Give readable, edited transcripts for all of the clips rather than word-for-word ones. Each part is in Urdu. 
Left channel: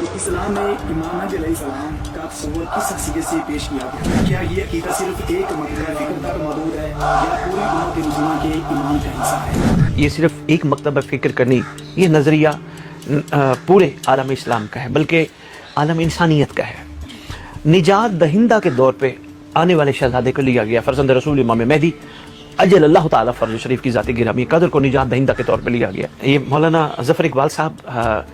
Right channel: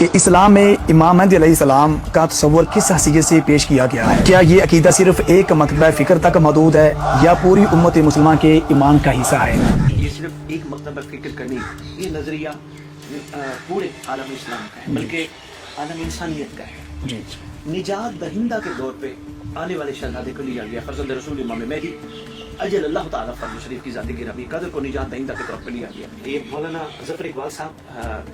کہ اسلام میں امام مہدی علیہ السلام کا تصور کس حیثیت سے پیش کیا گیا ہے؟ کیا یہ عقیدہ صرف ایک مکتبہ فکر تک محدود ہے یا پوری امت مسلمہ کے ایمان کا حصہ ہے؟ یہ صرف ایک مکتبہ فکر کرنی، یہ نظریہ پورے عالم اسلام کا ہے، بلکہ عالم انسانیت کا ہے۔ نجات دہندہ کے دور پہ آنے والے شہزادے کو لیا گیا، فرزند رسول امام مہدی اجل اللہ تعالیٰ فرض شریف کی ذات گرامی قدر کو نجات دہندہ کے طور پہ لیا گیا۔ یہ مولانا ظفر اقبال صاحب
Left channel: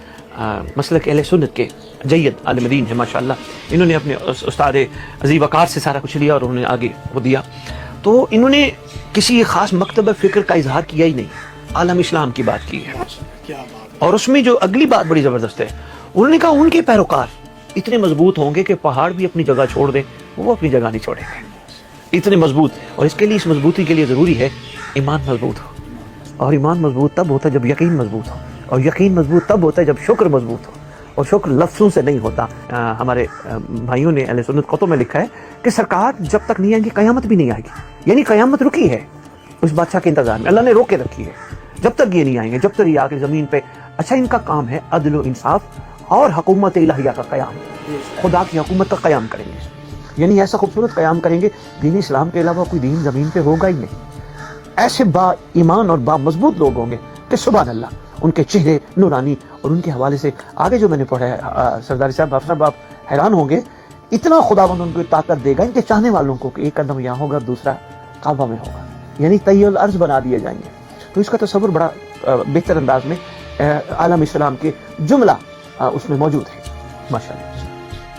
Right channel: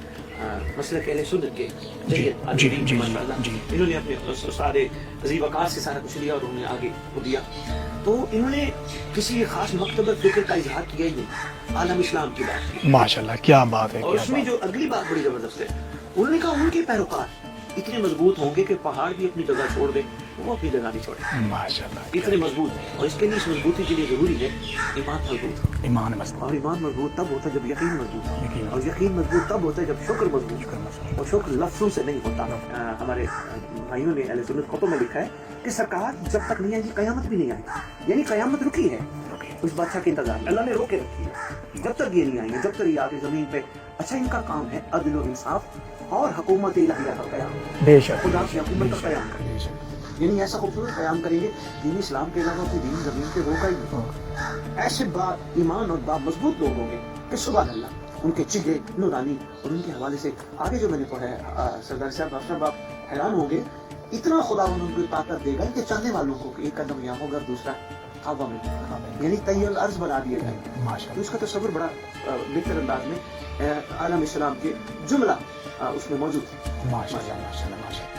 مسلک اہل سنت کے جید عالم دین ماشاء اللہ، انہوں نے اپنے استاد عظیم وقار سے سارا کچھ لیا اور انہوں نے آگے وہ دیا۔ تو انہوں نے کسی خاص مکتبہ فکر کا اظہار کیا ہی نہیں، عالم اسلام کی بات کی ماشاءاللہ، کیا بات ہے۔ اور اس میں جو اگلی بات بڑی زبردست ہے، انہوں نے کہا ان کے پیروکار اتنے مضبوط ہوں گے کہ پہاڑ بھی اپنی جگہ چھوڑ دیں، وہ اپنی جگہ نہیں چھوڑیں، ماشاءاللہ، اتنے مضبوط۔ اور اس کے لیے، اس مضبوطی کے لیے ضروری ہے ایمان مضبوط ہو، ایمان مضبوط۔ اور ایمان مضبوط تب ہوتا ہے جب یقین مضبوط ہو، اور یقین مضبوط تب ہوتا ہے جب شکر مضبوط ہو، اور شکر لفظوں سے نہیں ہوتا۔ ہمارے بھائیوں نے اہل سنت خطوں میں لکھا ہے کہ سرکار جب تک نہیں آئیں گی قیامت بھی نہیں آئے گی، یعنی قیامت رکی ہے اس بادشاہ کے انتظار میں، اللہ نے روک کے رکھی ہے جب تک یہ نہیں آئیں گے، جب تک یہ آ کے زمین پہ۔ اچھا، ان کا کام ہے عدل و انصاف اور حکومت الہیہ کا قیام، بے شک خدا کی حکومت کا قیام کریں گے، یعنی ایسا خوبصورت قیام کریں گے دین اسلام کے علاوہ کوئی دین زمین پہ ہوگا ہی نہیں۔ ایسے با ایمان اور با مضبوط لوگ ہوں گے کہ سبحان اللہ، ان کے چہرے نورانی، اور ان کے حوالے سے آگے جو میں نے پڑھا ہے سرداری صاحب، آپ حیران ہوں گے، اتنا خداوند ان کو طاقت دے گا ان کے چاہنے والوں کو کہ ایک قدم یہاں ہوگا دوسرا کعبہ میں ہوگا، یعنی طی الارض بنا دیے جائیں گے۔ تو اس کا تصور بڑا بہتر انداز میں عالم اسلام کے جملہ اس میں موجود ہے ماشاء اللہ۔